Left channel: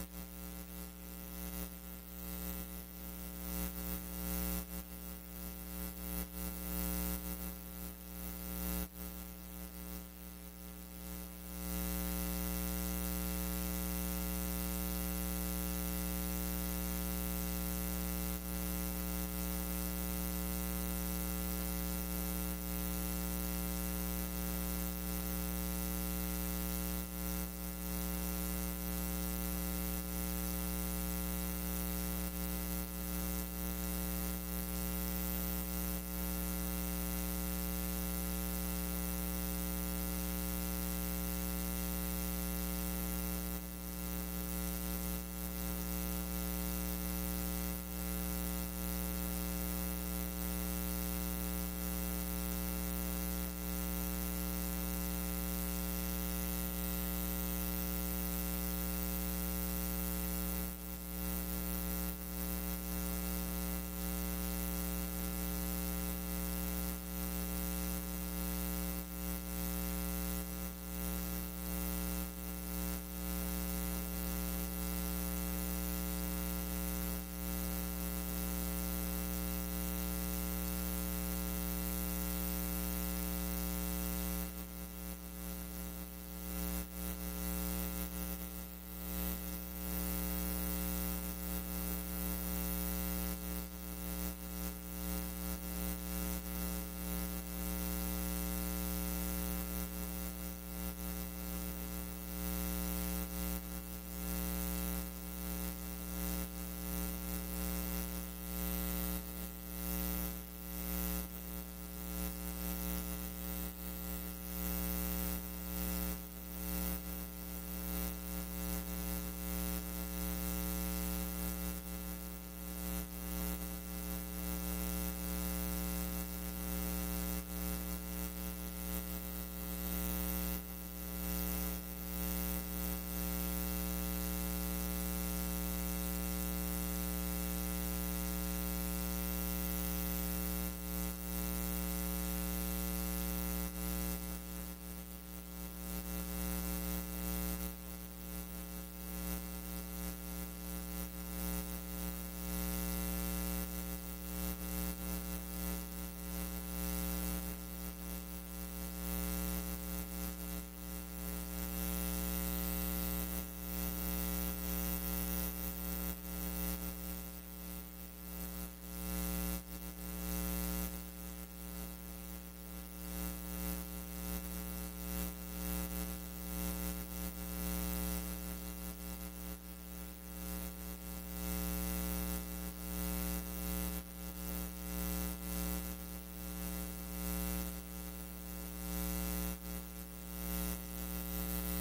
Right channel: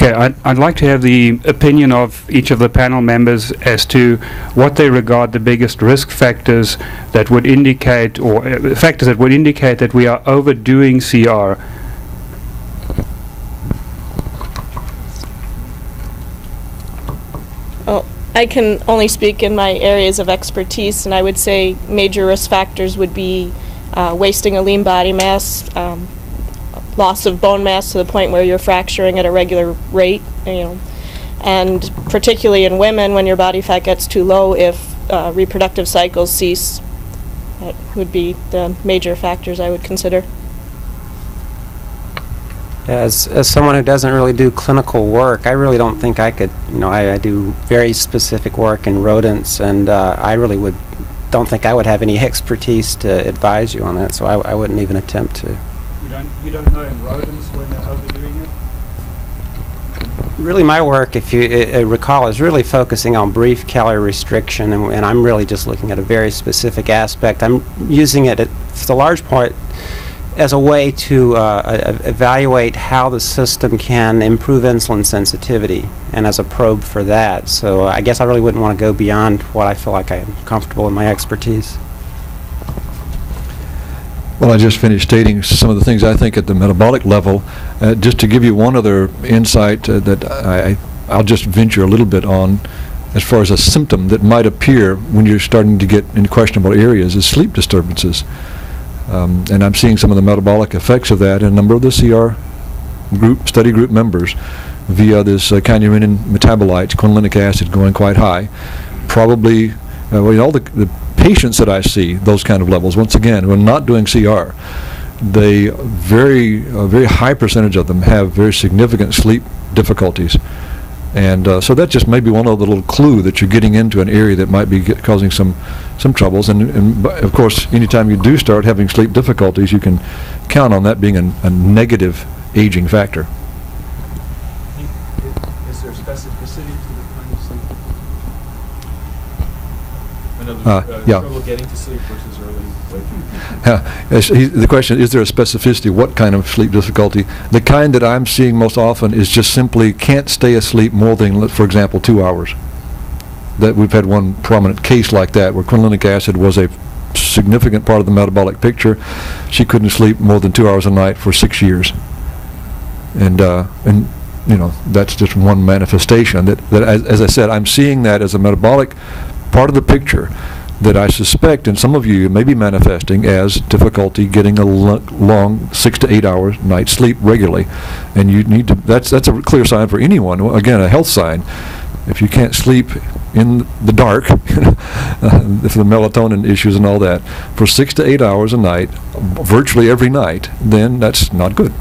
Okay, I'd like to have the opinion of each of the panel members as to what they regard the biggest risk factors that would indicate, or factors that would indicate that we are overdoing CR. Well, I can only speak in my areas of expertise, and I would say major risk factors would be wasting a lean body mass, loss of bone mass to the point where you're fracturing at a regular rate, and particularly in women when your body fat gets too low, if reproductive cycles cease. That would be the major factors I would consider. As someone who doesn't really do clinical work, I really don't think I could, I do very specific work in rodents, and I really don't think I would have any expertise to advise you on that, so I wouldn't even attempt to. You don't know in rodents when they're overdoing it? Really, my work, if you recall, is really focusing on brief calorie restriction, and I'm really just looking at a very specific aspect. I'm using it, for the large part, as a way to evaluate how the system can improve insulin sensitivity, and as a probe for that. So I guess I really wouldn't want to go beyond what I feel like I'm comfortable in my expertise. Well, I just finished stating some of the things I think at the metabolic level. Just to give you one other insight that I'll just venture a little bit on, as far as a symptom that might appear when you're starting to get in questionable areas, is sleep disturbances. And I'm seeing some of the metabolic effects of that in a number of the CR study group members via this kynurenine metabolites, quinolinic acid going quite high. Probably, all the patients that I see, those kind of levels, once again, when not doing CR, they very high percentage of them have very significant sleep difficulties. And so that just may be one other little clue that you're getting into an area that might be causing some troubles. And of course, anytime you do start having sleep difficulties, you can count on that being a negative aging factor. Is there specificity to the kind of sleep? Yeah. Trouble getting to sleep versus early. The question is there a specificity? What kind of sleep difficulty? The kind that I'm seeing most often is just simply can't stay asleep more than, for example, 2 hours. That we've had one prominent case like that where quinolinic acid was a significant part of the metabolic picture. She couldn't sleep more than 2 hours a night for 6 years, and that's just one manifestation. That as I said, I'm seeing that as a metabolic part of the picture that I suspect in some of you may be manifesting as difficulty getting a long 6 to 8 hours night sleep regularly, and you need to. That's a clear sign for anyone. Again, a health sign. If you can't sleep in the dark, for the melatonin issues and all that, for 6 to 8 hours a night, virtually every night, then that's not good.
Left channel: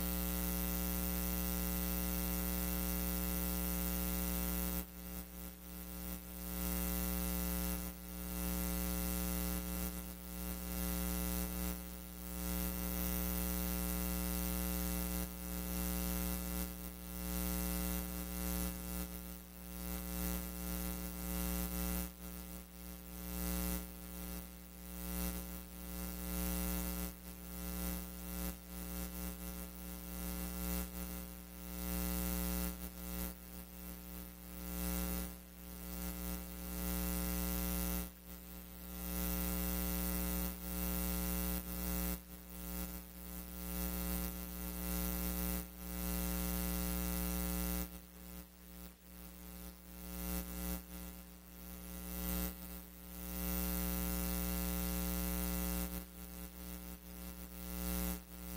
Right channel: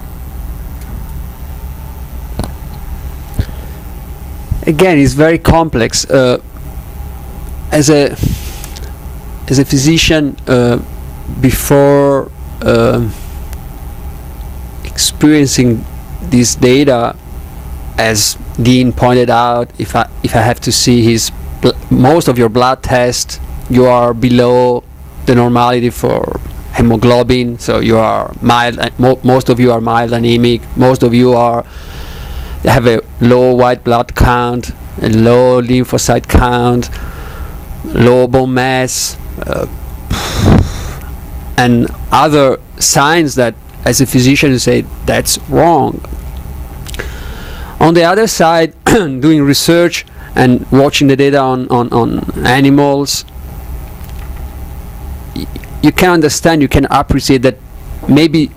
Again, it's very complex. As a physician, before experiencing this data, as Dean pointed out, if I have to see most of your blood tests, you are below the normality for hemoglobin, so you are mild. Most of you are mild anemic. Most of you have a low white blood count, a low lymphocyte count, low bone mass, and other signs that, as a physician, you say that's wrong. On the other side, doing research and watching the data on animals, you can understand, you can appreciate that maybe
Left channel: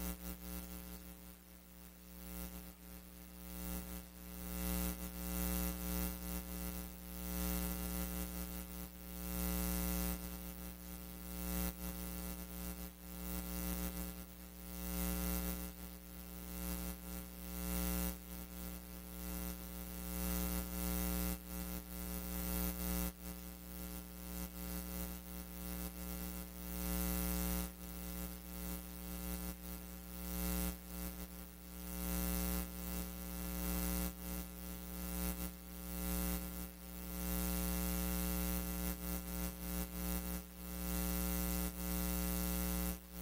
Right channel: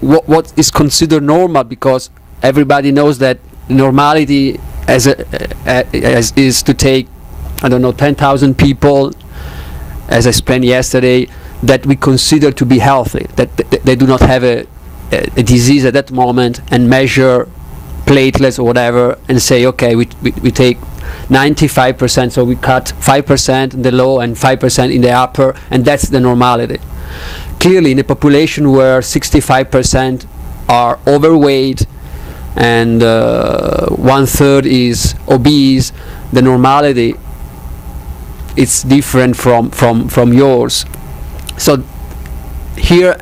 what is considered normal, because everybody knows that normality is to take, 10,000 people, as I explained yesterday, that we consider to be healthy, that they do not have a disease at that moment, and measure platelets or whatever, and say, okay, we take 95%, so we cut 5% in the low and 5% in the upper, and that's the normality. Clearly, in a population where 65% are overweight and 1/3 is obese, the normality is different from yours. So here,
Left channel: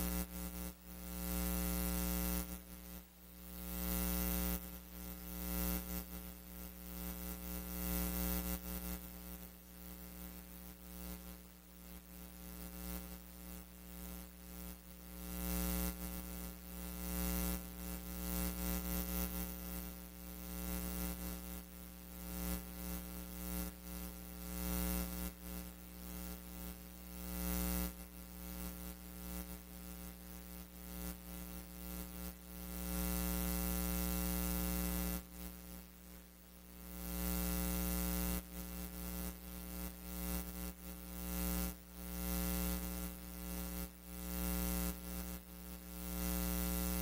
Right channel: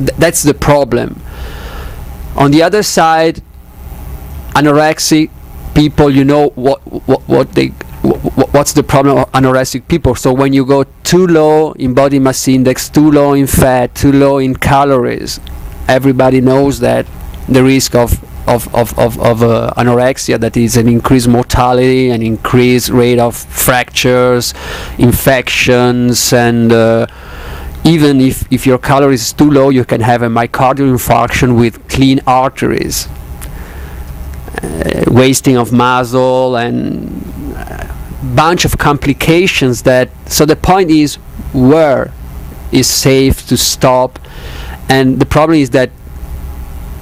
that's the problem. On the other side, anorexic people, you know what's the problem of anorexic people. So when you go too low in body mass index, too low in fat, too low in calories, everybody knows that the risk of anorexia, that is an increased mortality, an increased rate of fractures, infections, and even if your calories is too low, you can have a myocardial infarction with clean arteries, wasting of muscle, and bunch of complications. That so the point is, where is safe to stop? And the problem is that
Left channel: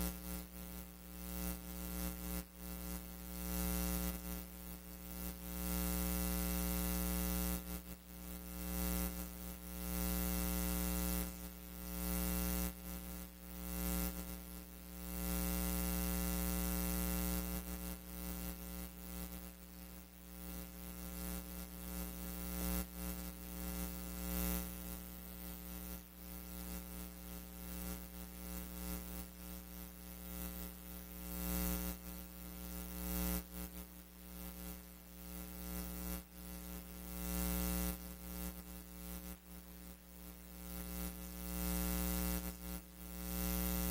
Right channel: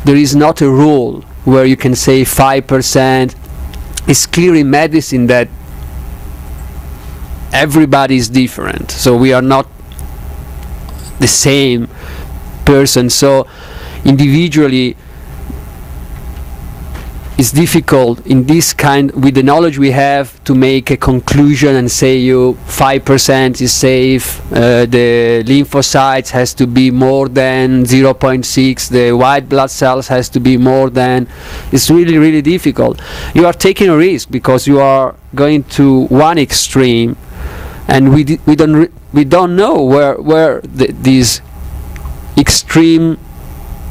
there is not a rule where you can say 5%. It's clear in medicine that everybody is different, so we are not the same person. So individually it's difficult in this kind, with the knowledge we have, to make a conclusion and say you 5% is safe, the lymphocytes has to be more than 0.6, the white blood cells has to be more than. It's really, really difficult. You are taking a risk because you are going to one extreme, and we don't know where this extreme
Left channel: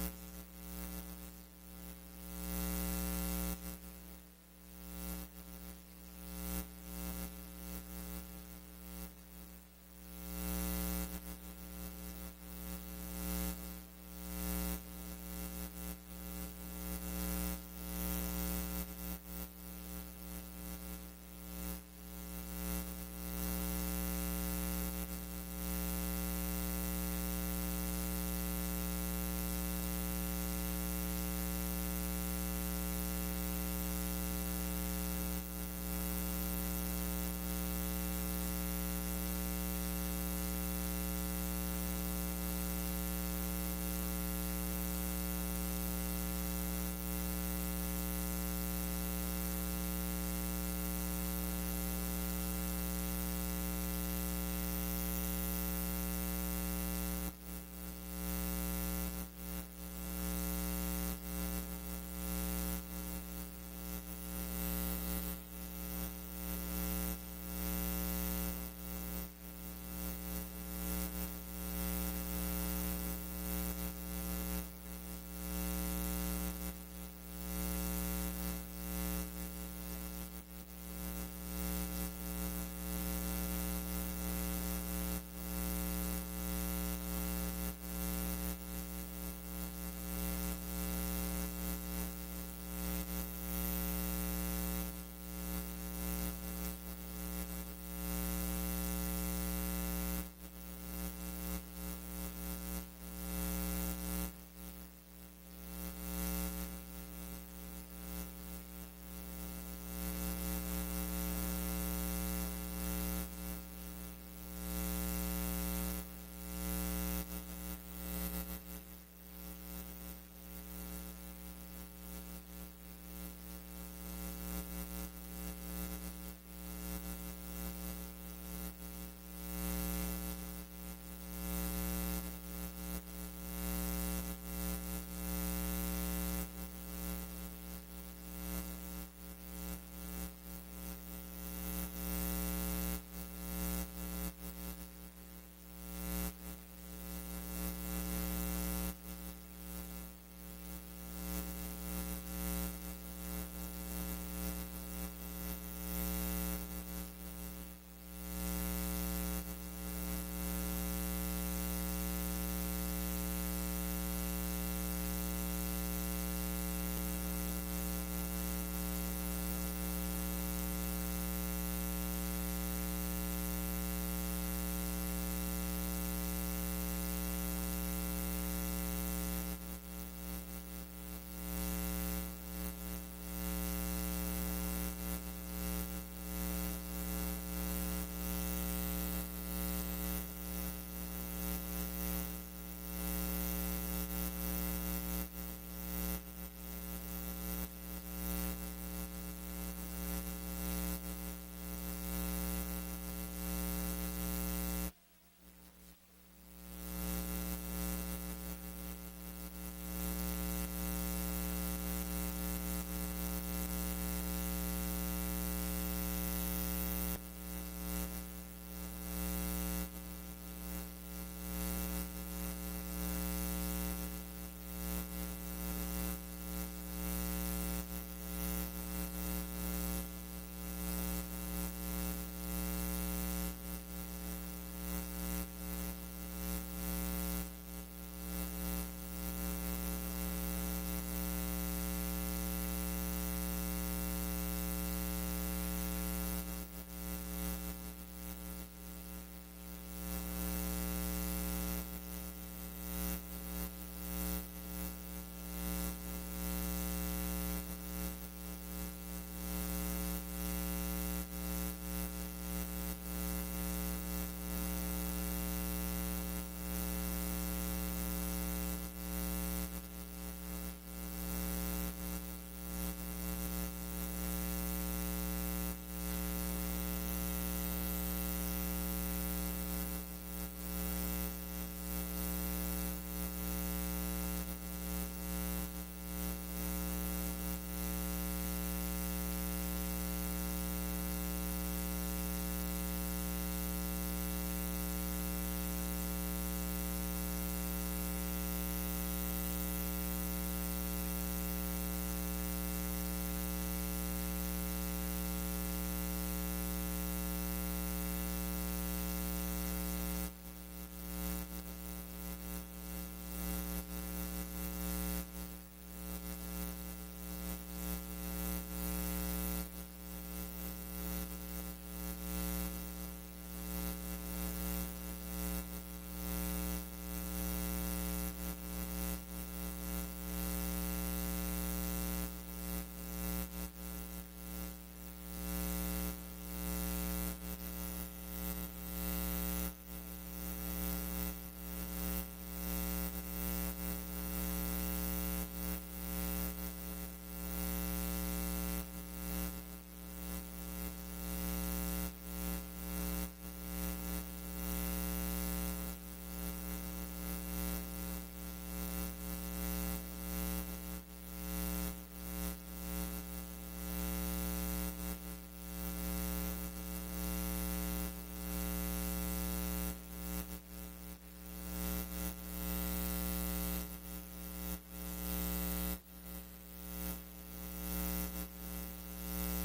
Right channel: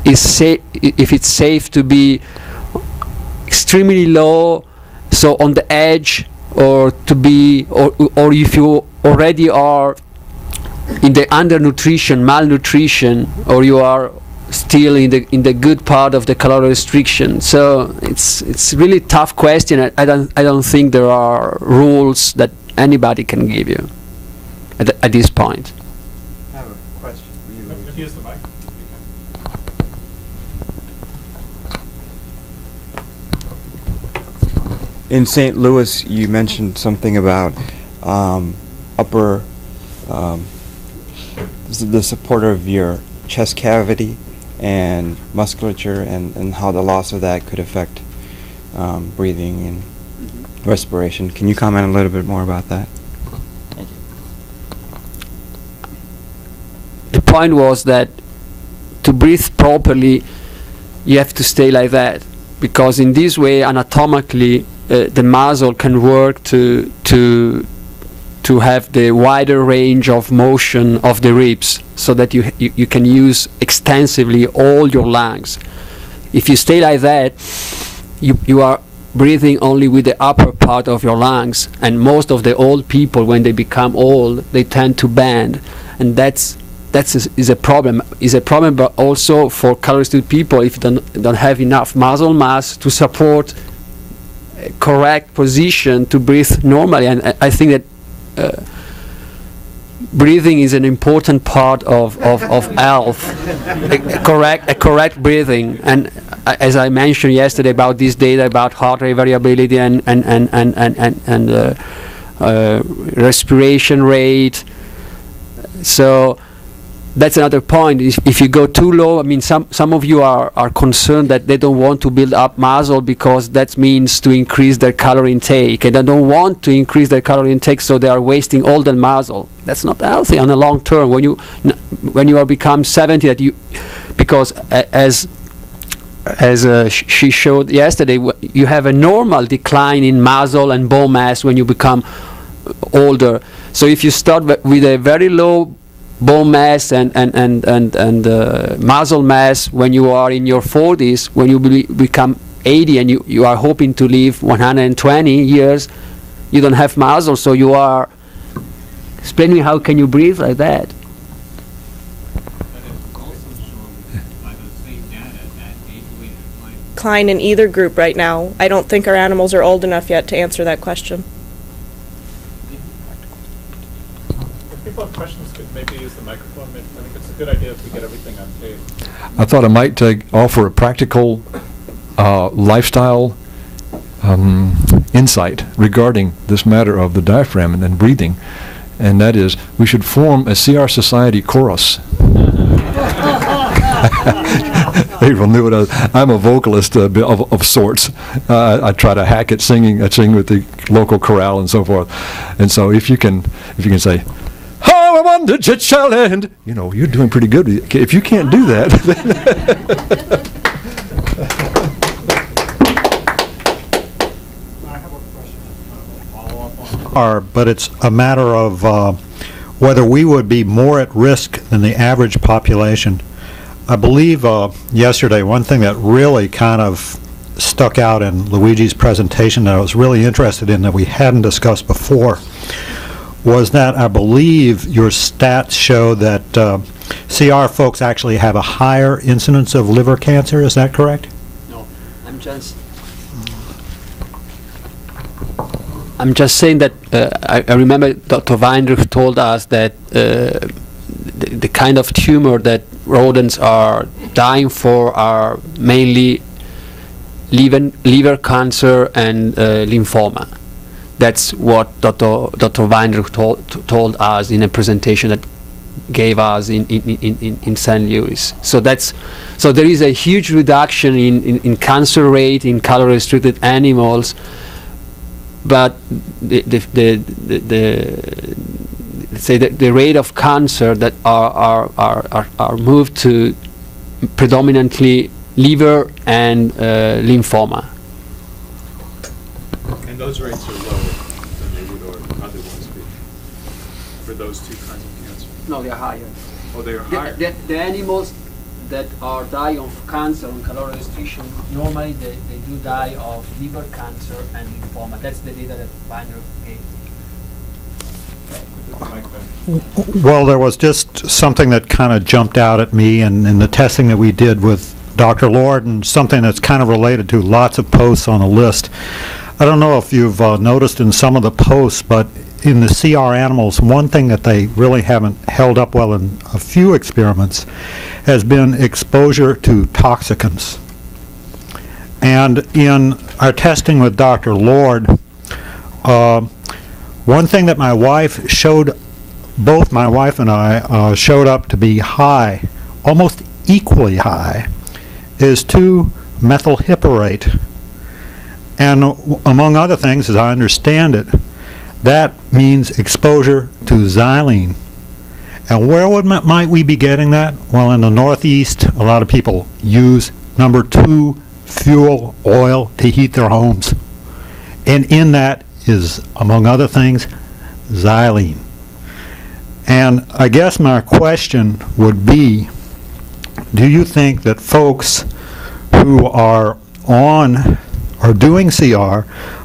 is safe, if it's safe to be extremely low, so on the edge, or to be, or if you already are in the undernutrition, malnutrition, or you are still in the good part of the calorie restriction. So it's really tough question. I don't think there are rules that anybody can give you at this point. I have a question for you. Use the mic. In St. Louis, you mentioned something about the support of your chest cavity and musculature, and how the loss of that could affect breathing and respiration. Can you comment a little bit more about that? The point was that to breathe properly, you have to stay like that, because in this way, anatomically, the muscle can work to have the wider range of motion of the ribs, so that you can use extensively all your lungs. If you stay like that, you are breathing only with the upper part of your lungs, and most of the old people, when they become old, they tend to bend, and that's a problem. Is a problem, but also for calorie-restricted people, if you don't have enough muscle mass to support a correct position to breathe normally. And I think that breathing is an important part of health. a correct breathing. And as I mentioned yesterday about this data about heart rate variability and respiration rate. So that's another point. If you go too low, I mean, some of you are concerned that they don't want to build up muscle because that means to increase their calorie intake, and they don't want to increase their calorie intake, so they are wasting all the muscle. That's not healthy on the long term. When you are become 70, because as she showed yesterday, you have a normal decline in muscle and bone mass when you become older. So if you start with a very low bone mass and muscle mass when you are in your 40s, when you become 80 and you are hoping to live 120 years, you don't have muscle, so you are. Explain me, how can you breathe like that? Decline in either group right now. I don't think our animals are old enough yet to answer that question. If people have questions, could maybe use the microphone. I think it's a good idea if we get everything on tape. I thought I might offer a practical lifestyle insight regarding this matter of the diaphragm and breathing, and that is, we should form a CR Society chorus. April knew what I'm a vocalist of sorts. I try to hack at singing. I sing with the local chorale and so forth. And so if you can say, "How I wonder it shall end," you're doing pretty good. If you can't do that, are, but it's a matter of whether we would be more at risk than the average population. I believe yesterday one thing that really kind of stuck out in Luigi's presentation that I was really interested in that we hadn't discussed before was that I believe your stats show that CR folks actually have a higher incidence of liver cancer. Is that correct? No, I'm just saying that I remember Dr. Weinrich told us that the kind of tumor that rodents are dying for are mainly liver cancer and lymphoma. That's what Dr. Weinrich told us in a presentation that gave us in St. Louis. So there is a huge reduction in cancer rate in calorie-restricted animals, but the rate of cancer that are moved to predominantly liver and lymphoma. And those rates are lower than they would otherwise be for those two kinds of cancer? No, they're higher. Oh, they are higher? The animals that are dying of cancer and calorie restriction, normally they do die of liver cancer and lymphoma. That's the data that Weinrich gave. Well, there was just something that kind of jumped out at me in the testing that we did with Dr. Lord, and something that's kind of related to lots of posts on the list. I don't know if you've noticed in some of the posts, but in the CR animals, one thing that they really haven't held up well in a few experiments has been exposure to toxicants. And in our testing with Dr. Lord, one thing that both my wife and I showed up to be high, almost equally high, is 2-methylhyperate. And among other things, as I understand it, that means exposure to xylene. And where might we be getting that? Well, in the Northeast, a lot of people use number 2 fuel oil to heat their homes. And in that is, among other things, xylene. And I guess my question would be, do you think that folks who are doing CR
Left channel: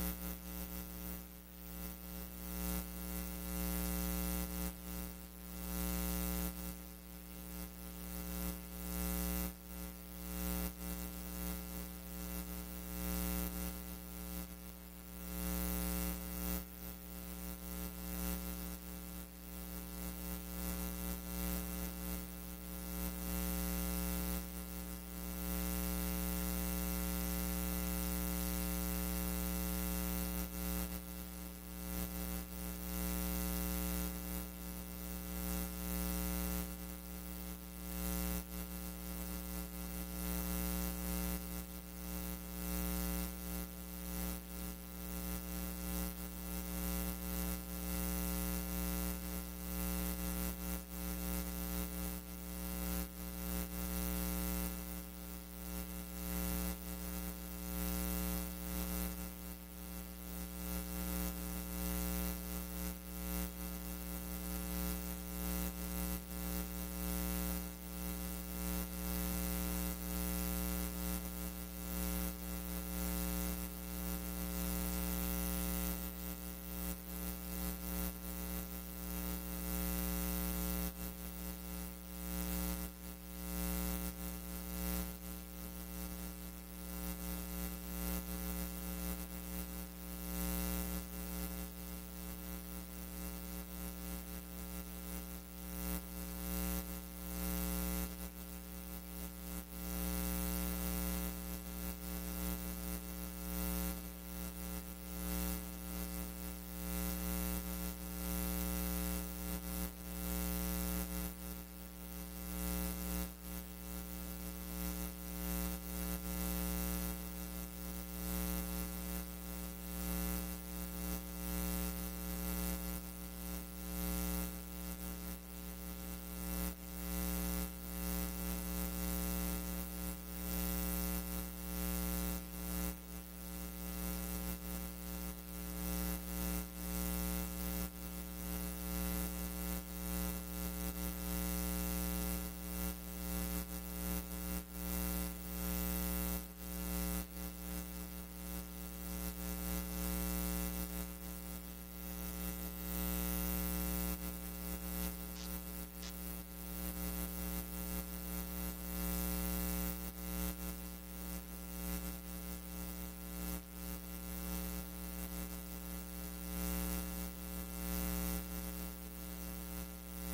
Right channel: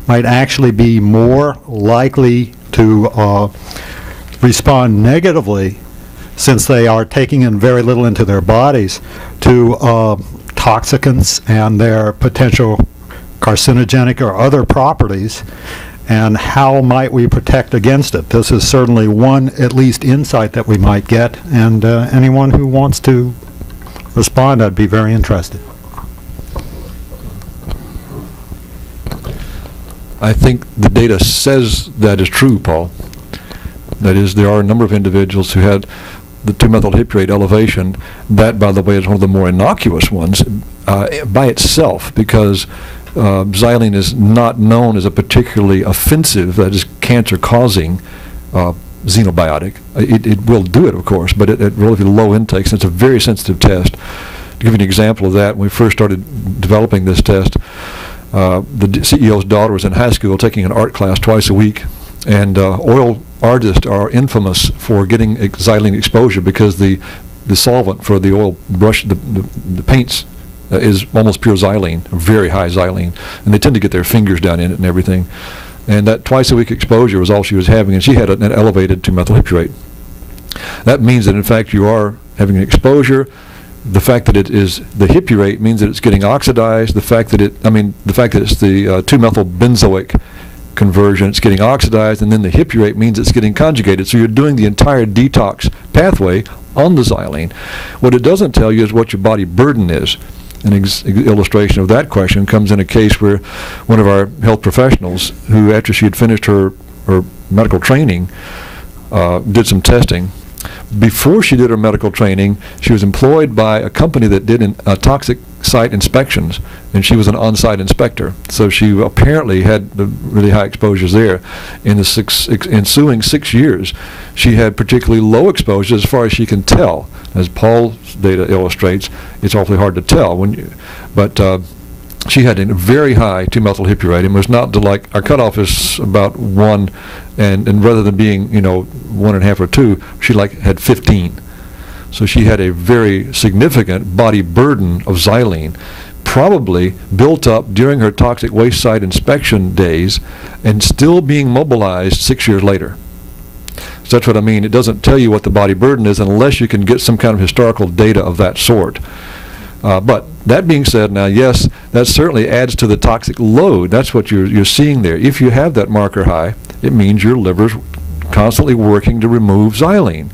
might actually be more likely to respond negatively, since they are taking in very little into their bodies, to toxicants and their potential carcinogenic or other properties, and how might we protect against it? This is certainly one, at least, insight that we might get, and anyone who wants to respond, I'd be very interested. I think the data says that is true, Paul. That is, there are a number of individuals who had the 2-methylhyperate elevation. That, by the way, is one of the more innocuous ones by itself, because xylene is not known as a particularly offensive, that is, cancer-causing xenobiotic. It will do it, of course, but at relatively low intakes, and it's a very sensitive test. To give you an example of that, when we first started developing this test, the CEO's daughter was in high school taking an art class twice a week, and oil artists are infamous for getting xylene exposure because the solvent for the oil brush, the paints, is almost pure xylene, very high xylene, and they tend to get their fingers down in it and everything. And that twice-a-week exposure was all she was having, and she had an elevated 2-methylhyperate. That means that, in fact, you are having an exposure. The fact that it is the hyperate means that it's getting oxidized. The fact that it's the 2-methylbenzoic conversion, it's getting oxidized, and then the hyperate means it's getting conjugated. So you're doing the entire detox pathway on the xylene. What it doesn't tell you is what your body burden is. An illustration of that question comes in a case where one of our health professionals, who after she had finished her medical training, did some testing. Before she did her medical training, she was employed by a company that did toxic site inspections, and she was an on-site inspector. So she apparently had the really high exposures there. In the ensuing 6 years, she had particularly low exposures as far as she can tell. As Paul's data illustrates, it's awfully hard to tell. But she had a very high 2-methyl hippurate. It was not like our cutoff is about 1, and rather than being 1.5 or 2, she had 15. So she had a very significant body burden of xylene, probably built up during her toxic waste site inspection days and still being mobilized 6 years later. So that's what I mean. It doesn't tell you what the body burden is unless you can get some kind of historical data of that sort. But that being said, now yes, that certainly adds to the toxic load. That's what you're seeing there. If you have that marker high, it means your liver's constantly working to remove xylene.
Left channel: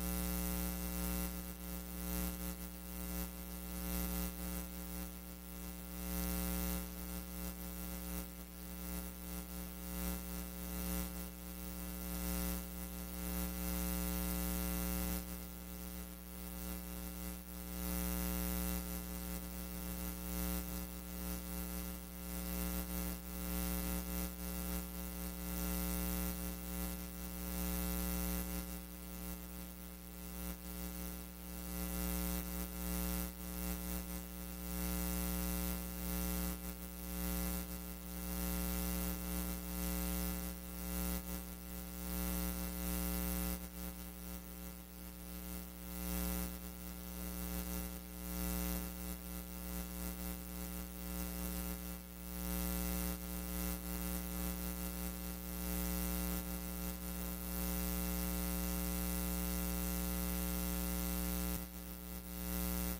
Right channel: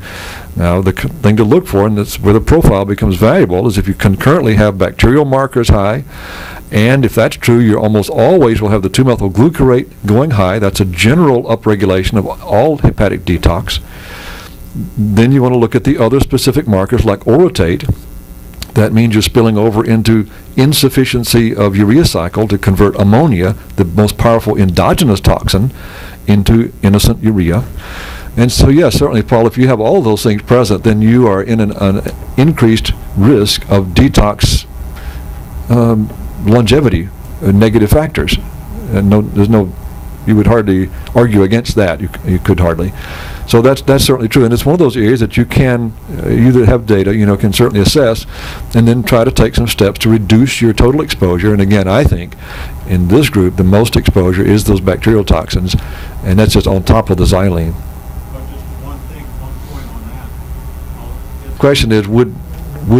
Now, the thing to look for, and that's where the profile becomes valuable, is if you concurrently have bacterial markers high, and if that's true, you almost always will have the 2-methyl glucarate going high. That's a general upregulation of all hepatic detox. Then you want to look at the other specific markers like orotate. That means you're spilling over into insufficiency of urea cycle to convert ammonia, the most powerful endogenous toxin, into innocent urea. And so, yes, certainly, Paul, if you have all those things present, then you are in an increased risk of detox longevity, negative factors. And you would hardly argue against that. You could hardly. So that's certainly true, and it's one of those areas that you that have data, can certainly assess, and then try to take some steps to reduce your total exposure. And again, I think in this group, the most exposure is those bacterial toxins, and that's just on top of the xylene. One point on that. The question is, would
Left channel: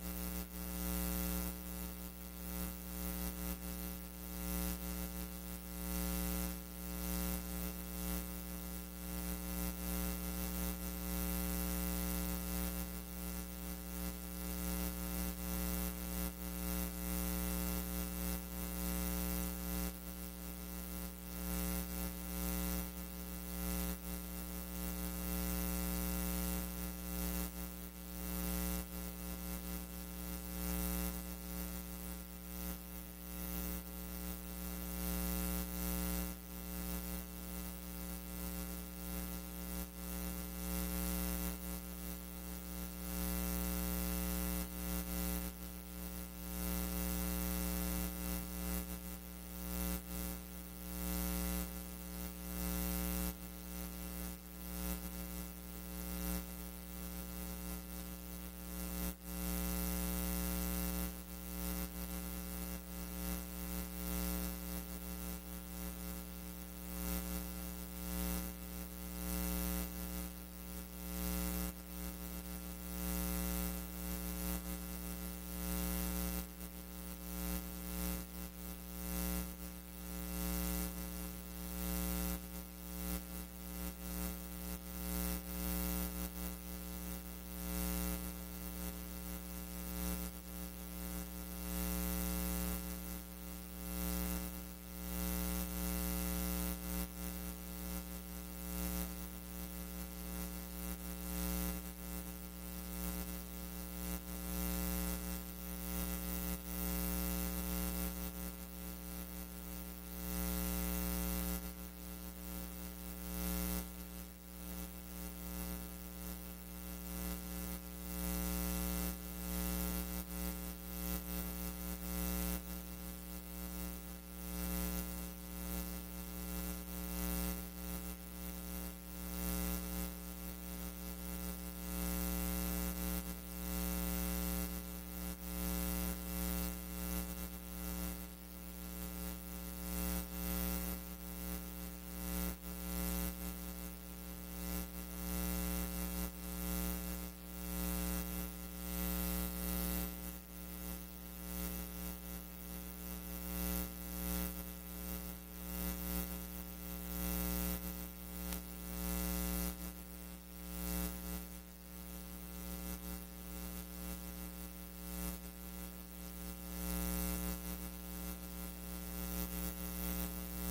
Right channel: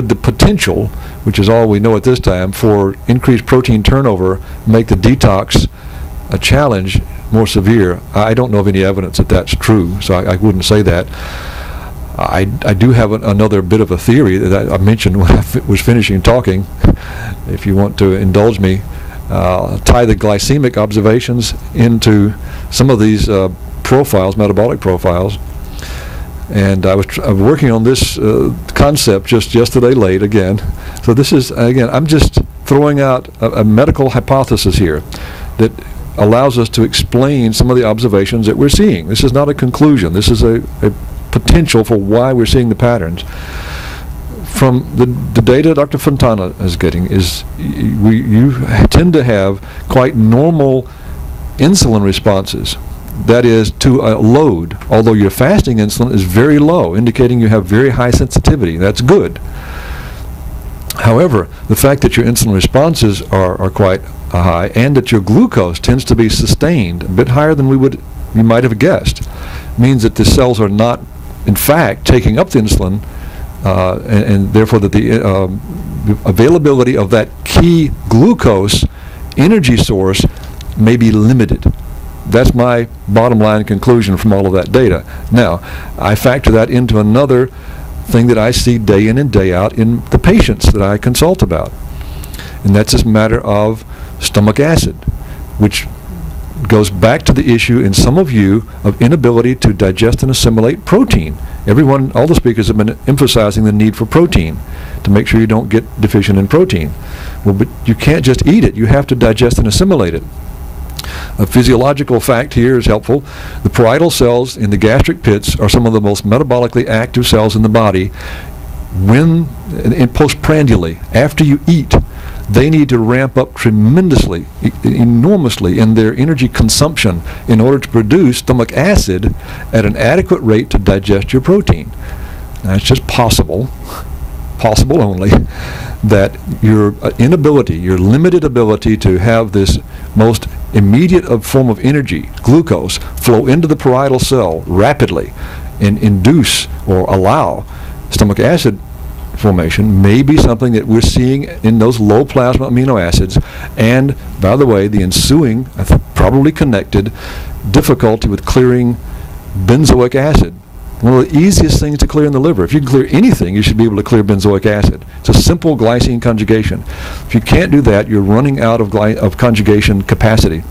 the potential, which is all we know at this time, for increased protein turnover make the detox a challenge more severe? I don't know of any evidence that that's true, so I wouldn't say that. I do have another bit of a theory that I mentioned when I was finishing talking. If you want to indulge me, tie the glycemic observations into some of these profiles, metabolic profiles. And I was working on this concept just yesterday late again. So this is, again, I'm just throwing out a medical hypothesis here that allows us to explain some of the observations that we're seeing. This is not a conclusion. This is a potential for why we're seeing the patterns. From the data Dr. Fontana is getting is you tend to have quite normal insulin responses. That is, to a load, although your fasting insulin is very low, indicating you have very high sensitivity. That's good. However, the fact that your insulin responses are quite high, and that your glucose tends to be sustained a bit higher than you might have guessed, means that the cells are not, in fact, taking up the insulin, and therefore that the availability of that key glucose energy source may be limited. That's my bottom line conclusion from all of that data. Now, I factor that into another thing that I see day in and day out in the patients that I consult about, and that's this matter of stomach acid, which goes back to the issue in some of you of inability to digest and assimilate protein. All the speakers have been emphasizing the need for protein to make sure you don't get deficient in protein. Well, but you can't just eat it. You have to digest and assimilate it. A physiological fact here is helpful. The parietal cells in the gastric pits are some of the most metabolically active cells in the body. In postprandially, after you eat, they need to ramp up tremendously, enormously in their energy consumption in order to produce stomach acid at an adequate rate to digest your protein. Now, it's just possible only, that your inability, your limited ability to have this most immediate form of energy, glucose, flow into the parietal cell rapidly and induce or allow stomach acid formation may be something that we're seeing in those low plasma amino acids, and by the way, the ensuing, I think probably connected, difficulty with clearing benzoic acid. One of the easiest things to clear in the liver. If you can clear anything, you should be able to clear benzoic acid. It's a simple glycine conjugation. If you can't do that, you're running out of conjugation capacity.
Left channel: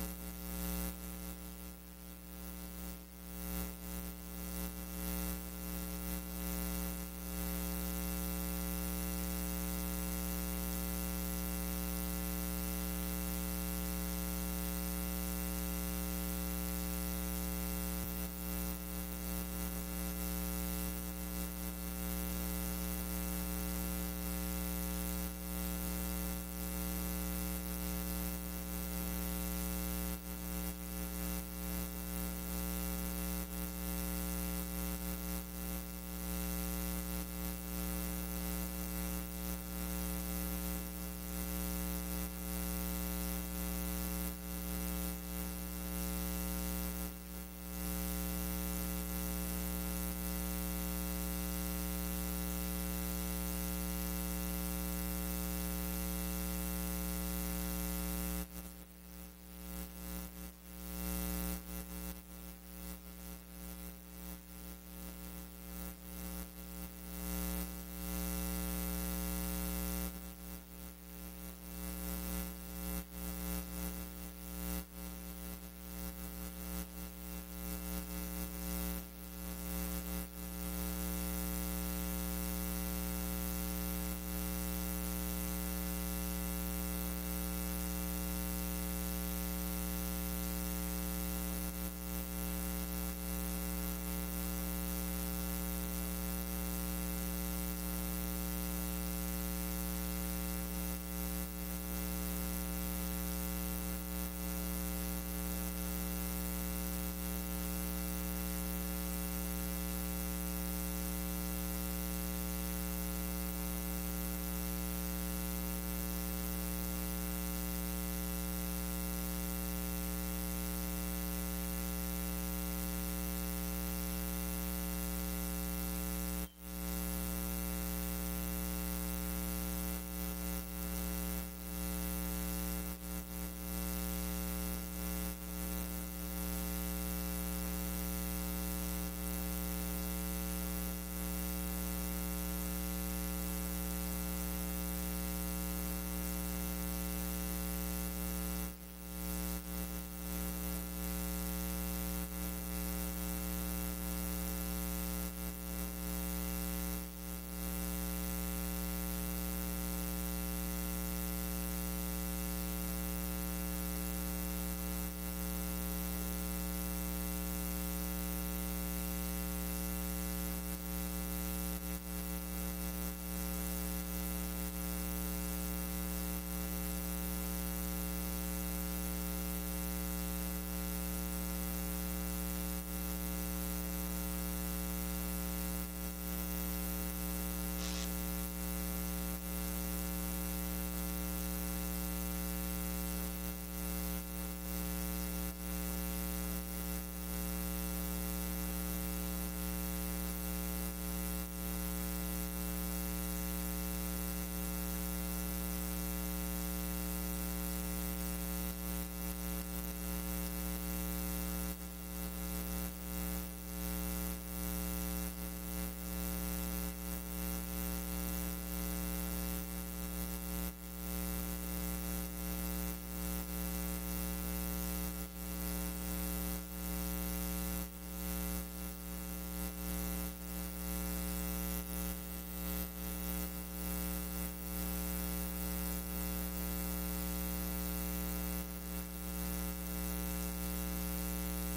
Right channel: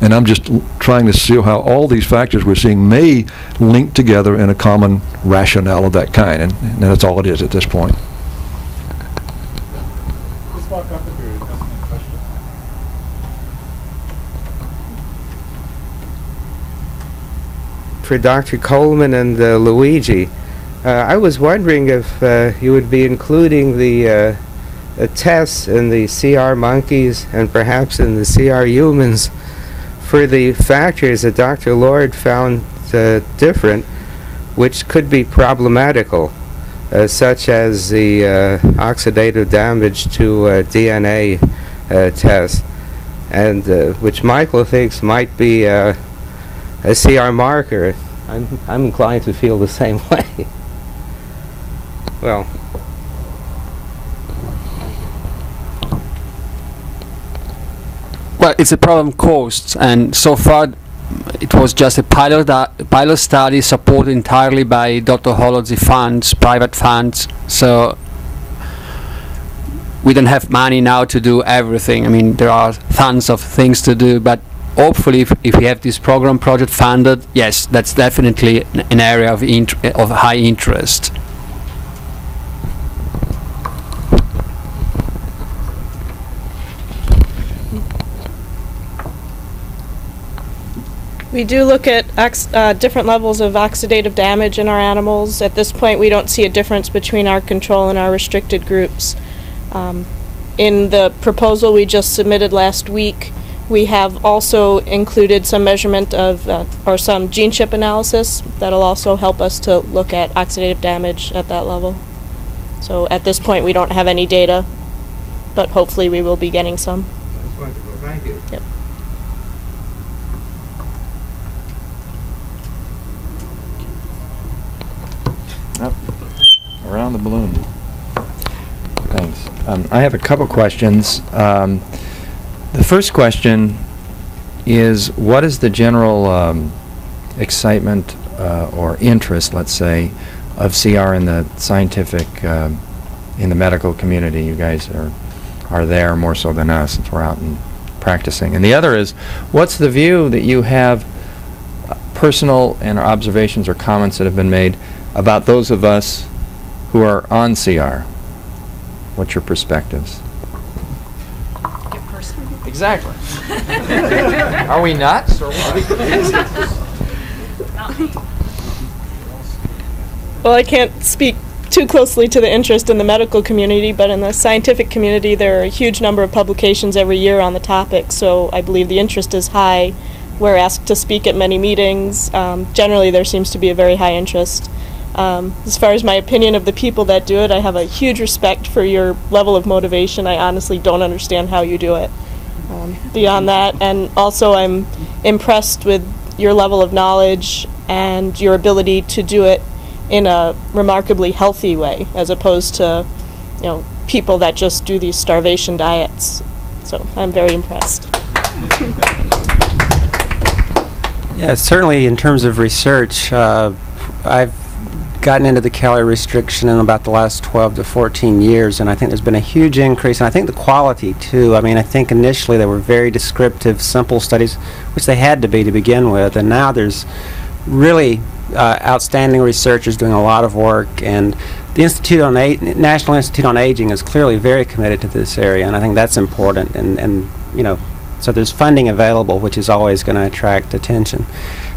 And I'm just trying to see how all these factors we're seeing may link together in a common rationale of that kind, and that's all it is at this point. Let's walk up if you're asking a question. For Dr. Colman and Luigi, I was wondering if you would be including the tests in the CR monkeys and perhaps in the CR humans for the factors that Dr. Lord found different, which could be problematical, such as the oxidative damage to DNA tests, and which Michael thinks might be a CR marker. I'm inclined to feel the same way. Well, well, it's a problem caused, and so far it was just a pilot study supported entirely by Dr. Holodzy funds, private funds. So we don't have money now to do everything. I mean, there are tons of things to do, but hopefully if we have this project funded, yes, that's definitely an area of high interest. We do look at different levels of oxidative damage in our animals. At this point, we don't see a difference between our control and our restricted groups. In the proposal we just submitted last week, we have also included some measurement of, or some gene chip analysis that'll also help us to look at oxidative damage at that level. So at this point, we don't have any data, but hopefully we will be getting some. Thank you. Yep. Around the balloon. Thanks. I have a couple questions. The first question is, what is the general excitement or interest, let's say, of CR in the scientific, in the medical community? You guys are there more so than us, since we're out and practicing. And the other is, what's the view that you have, personal and observations or comments that have been made about those of us who are on CR? What's your perspectives? Exactly. Are we nuts? Or Well, I can't speak too closely to the interest in the medical community, but in the scientific community there are a huge number of publications every year on the topic, so I believe the interest is high. We're asked to speak at many meetings. Generally there seems to be a very high interest. As far as my opinion of the people that do it, I have a huge respect for your level of motivation. I honestly don't understand how you do it. Beyond that, and also I'm impressed with your level of knowledge and your ability to do it in a remarkably healthy way, as opposed to, people that just do these starvation diets. So I'm very impressed. Yeah, certainly in terms of research, I've gotten into the calorie restriction in about the last 12 to 14 years, and I think there's been a huge increase, and I think the quality too. I mean, I think initially they were very descriptive, simple studies, which they had to be to begin with, and now there's really outstanding researchers doing a lot of work, and the National Institute on Aging is clearly very committed to this area, and I think that's important, and so there's funding available, which is always going to attract attention.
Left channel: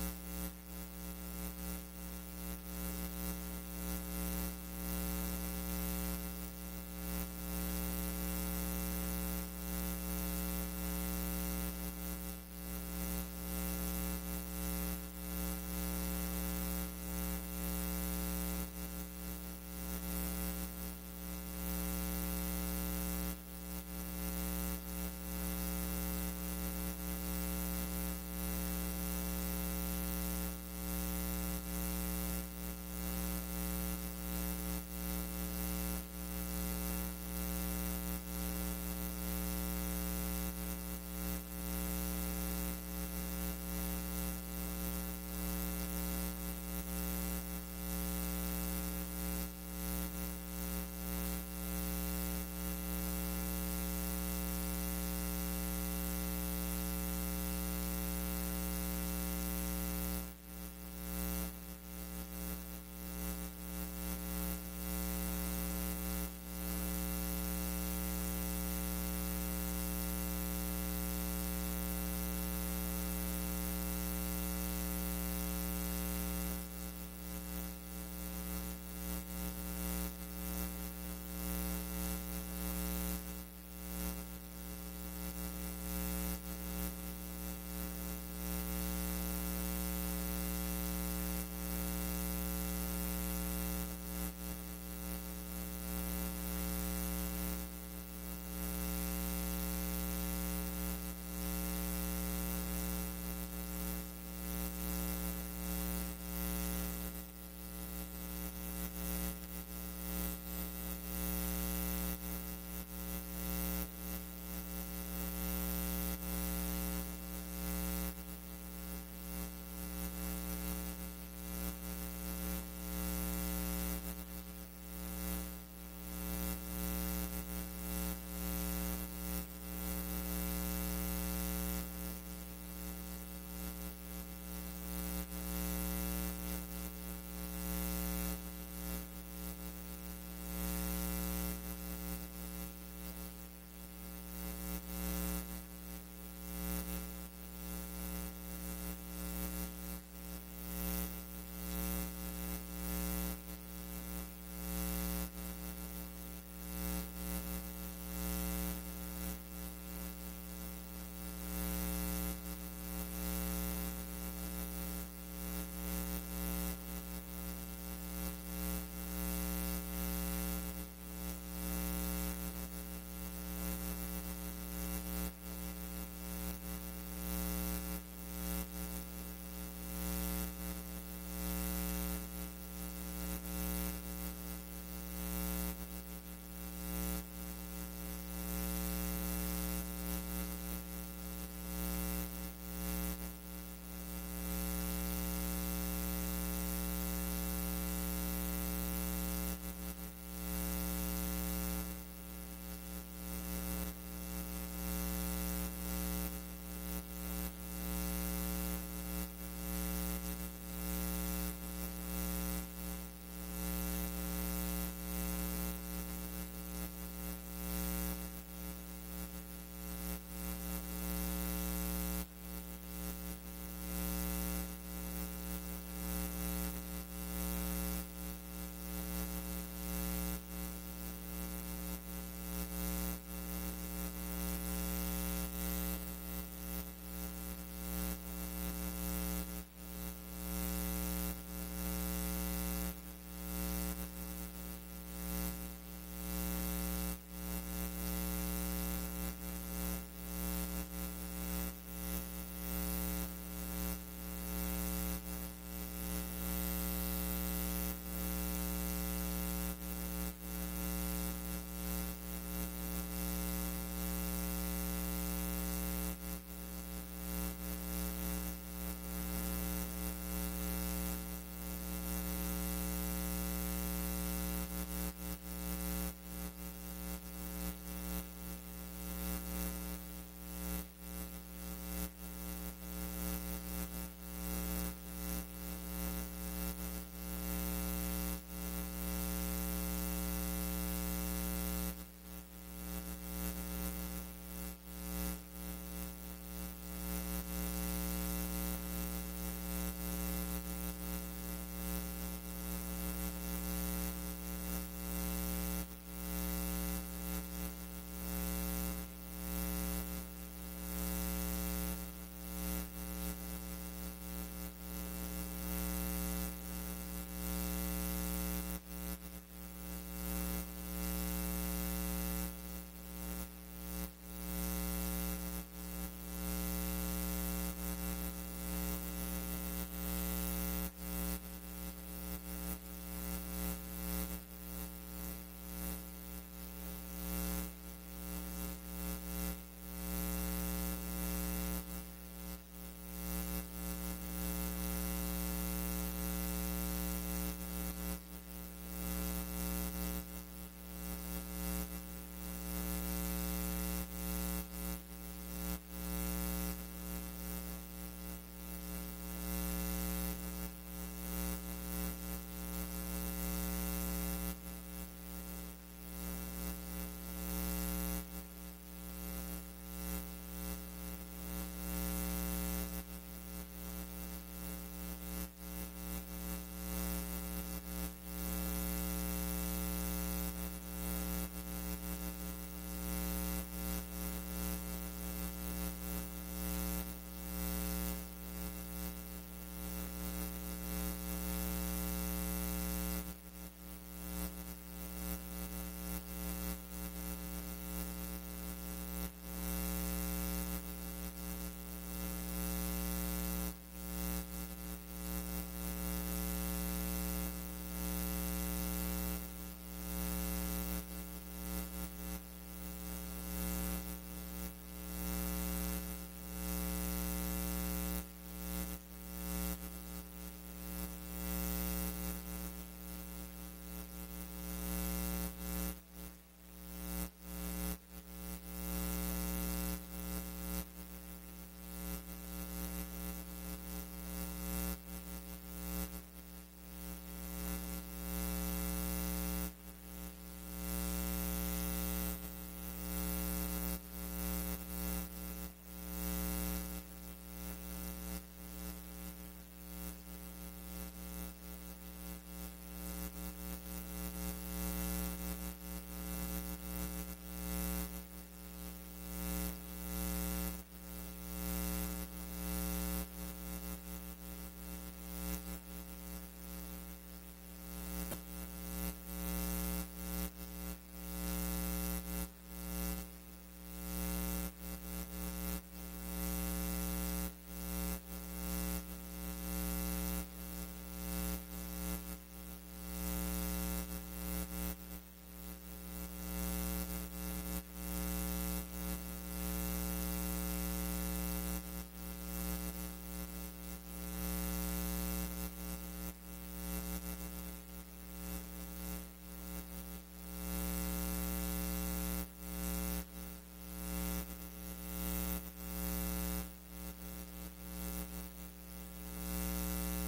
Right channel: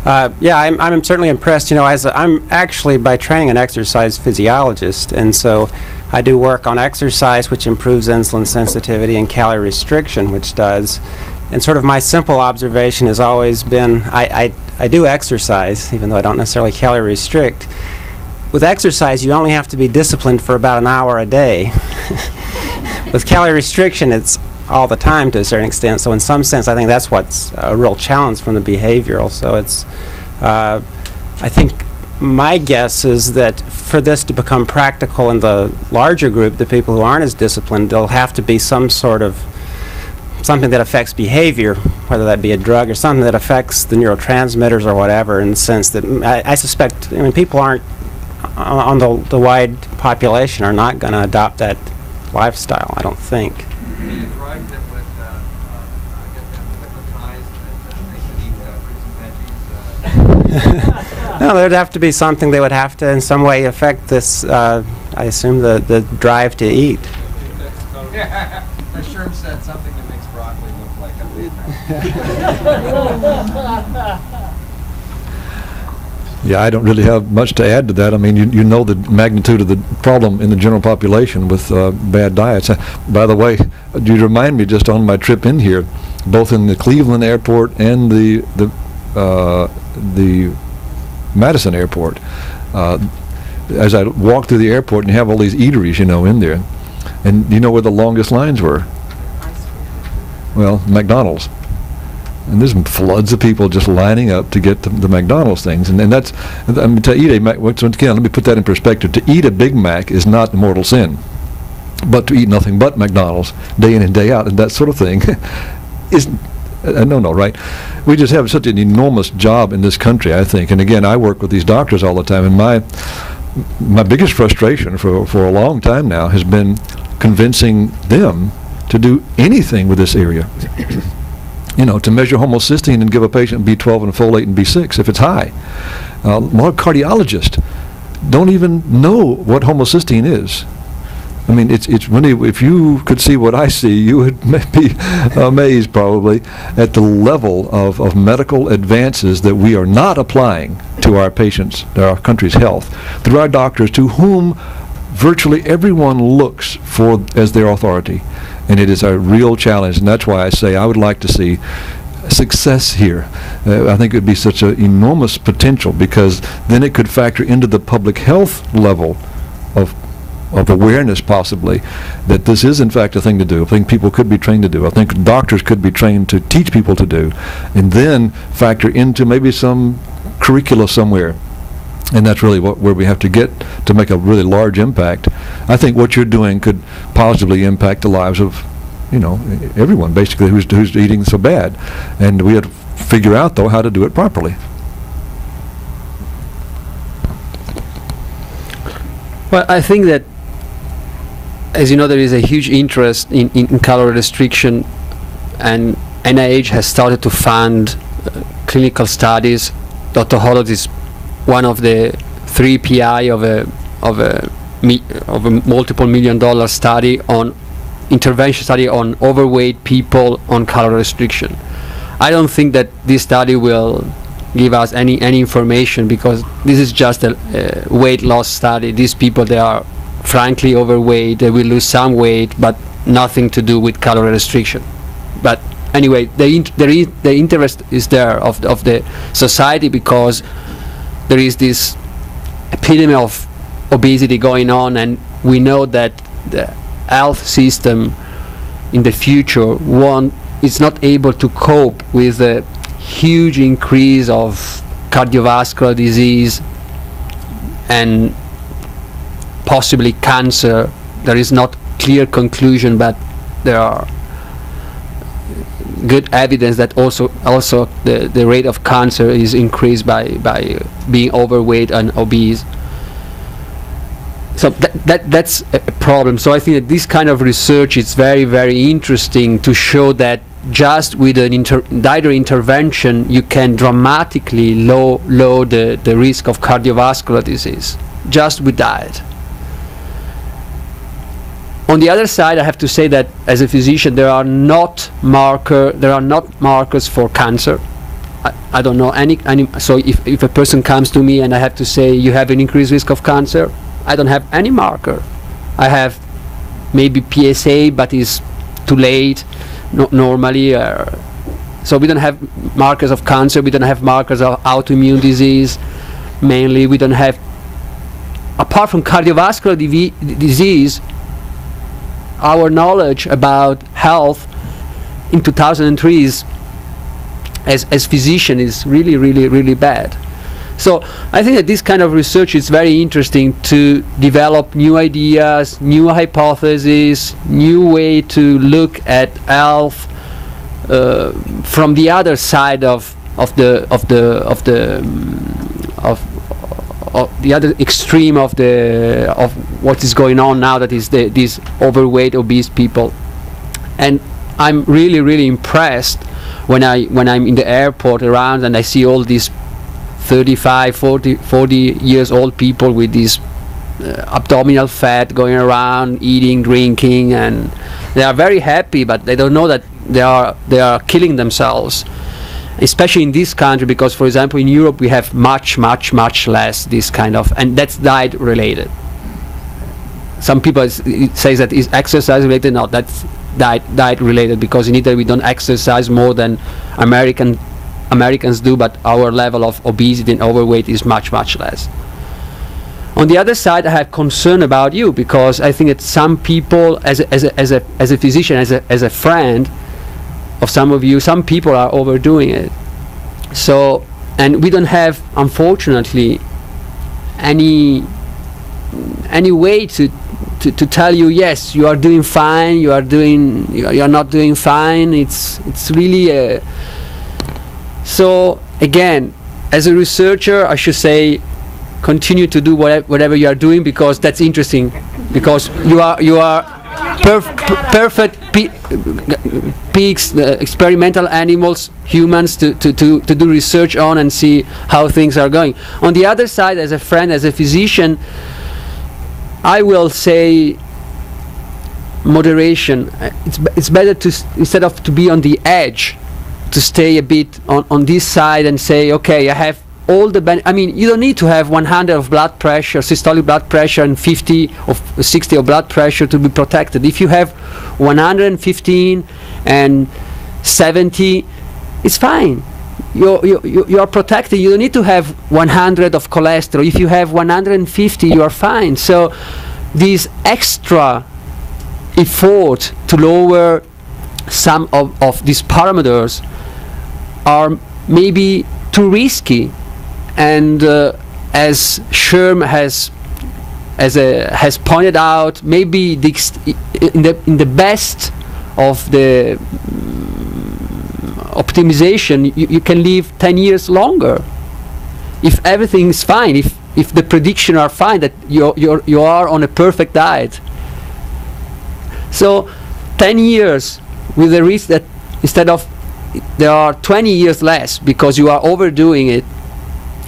Yeah, I'm certainly impressed. I'm actually by training an exercise physiologist, and so I do work on exercise, which improves insulin sensitivity, and calorie restriction, which does. And sort of my simple observation has always been, I do exercise, even though I don't necessarily calorie restrict. With exercise, you only have to be disciplined for about an hour a day. With calorie restriction, it's all the time to a certain extent. So in some sense, I think that's what's a real challenge from the behavioral. So it's, I think my guess is that for this to become practical in the larger group, the people who aren't as disciplined, there'll have to be some sort of something that affects behavior, whether that be a drug or something that affects the neurotransmitters or whatever, in the sense that I suspect, people aren't, on the wide population, are not going to adopt that lifestyle, I don't think. No, there'd have to be something that would have to in some way affect this, I assume, the drive to eat. I sure said something that makes broccoli look like a Yeah, I don't really have much to add to that. I mean, you know the magnitude of the problem in the general population with bad diets. By the way, you remind me just on my trip in here, both in the Cleveland airport and the Madison airport. As I walked through the airport, and you have all these eateries, you know, in there, and you know where the longest lines were? Well, McDonald's. And there's floods of people just lining up to get the McDonald's things, and that's, I mean, to eat a once again, let me put that in perspective. To eat a Big Mac is not a mortal sin, but to eat nothing but McDonald's day in and day out and that sort of thing is no, right? We just have such an enormous job in this country, I think. And again, I work with these doctors all the time, and my biggest frustration for a long time now has been convincing them to do anything with this area. You know, to measure homocysteine and give a patient B12 and folate and B6 if it's high. More cardiologists don't even know what homocysteine is. I mean, it's really, if you could see what I see, you would be amazed probably at the level of medical advances that we are not applying to our patients, to our country's health, through our doctors, to whom virtually everyone looks for as their authority. And it is a real challenge, and that's why I say I would like to see success here. I think it would be such an enormous potential, because then it could factor into the public health level of awareness, possibly, that this is in fact a thing to do. I think people could be trained to do. I think doctors could be trained to teach people to do, and then factor into maybe some curricula somewhere. And that's really where we have to get to make a really large impact. I think what you're doing could positively impact the lives of, you know, everyone basically who's eating so bad. And we have to figure out, though, how to do it properly. Well, I think that, as you know, there is a huge interest in calorie restriction, and NIH has started to fund clinical studies. Dr. Holland is one of the 3 PI of a multiple $1 million study on intervention study on overweight people on calorie restriction. I don't think that this study will give us any information, because this is just a weight loss study. These people, they are frankly overweight. They will lose some weight, but nothing to do with calorie restriction. But anyway, the interest is there of the society, because there is this epidemic of obesity going on, and we know that the health system in the future is not able to cope with the huge increase of cardiovascular disease and possibly cancer. There is not clear conclusion, but there are good evidence that also the rate of cancer is increased by being overweight and obese. So that's a problem. So I think that this kind of research is very, very interesting, to show that just with an dietary intervention you can dramatically lower the risk of cardiovascular disease, just with diet. On the other side, I have to say that as a physician, there are not markers for cancer. I don't know any. So if a person comes to me and I have to say you have an increased risk of cancer, I don't have any marker. I have maybe PSA, but it's too late normally. So we don't have markers of cancer. We don't have markers of autoimmune disease. Mainly, we don't have, apart from cardiovascular disease. Our knowledge about health in 2003 is, as physician, is really, really, really bad. So I think that this kind of research is very interesting to develop new ideas, new hypotheses, new way to look at health from the other side of the other extreme of what is going on now, that is these overweight, obese people. And I'm really, really impressed when I'm in the airport around and I see all these 35, 40 years old people with this abdominal fat going around, eating, drinking, and they are very happy, but they don't know that they are killing themselves. especially in this country, because, for example, in Europe we have much less this kind of, and that's diet related. Some people say that is exercise related. No, that's diet related, because in Italy we don't exercise more than Americans do, but our level of obesity and overweight is much less. On the other side, I have concern about you, because I think that some people, as a physician, as a friend of some of you, some people are overdoing it. So, and we don't have, unfortunately, any way to tell you, yes, you are doing fine, you are not doing fine. It's really so again, as a researcher, I should say, continue to do whatever you are doing, because that's interesting, because you are perfect pigs, experimental animals, humans to do research on and see how things are going. On the other side, as a friend, as a physician, I will say moderation. It's better to, instead of to be on the edge, to stay a bit on this side and say, okay, I have all the I mean, you don't need to have 100 of blood pressure, systolic blood pressure, and 50 or 60 of blood pressure to be protected. If you have 115 and 70, it's fine. You are protected. You don't need to have 100 of cholesterol. If you have 150, you are fine. So this extra effort to lower some of these parameters are maybe too risky. And as Sherm has pointed out, maybe in the best of the optimization, you can live 10 years longer if everything is fine, if the predictions are fine, that you are on a perfect diet. So 10 years with the risk that instead of there are 20 years less because you are overdoing it,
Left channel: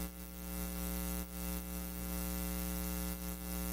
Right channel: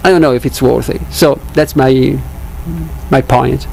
I don't know if it's worth it. So that's my point.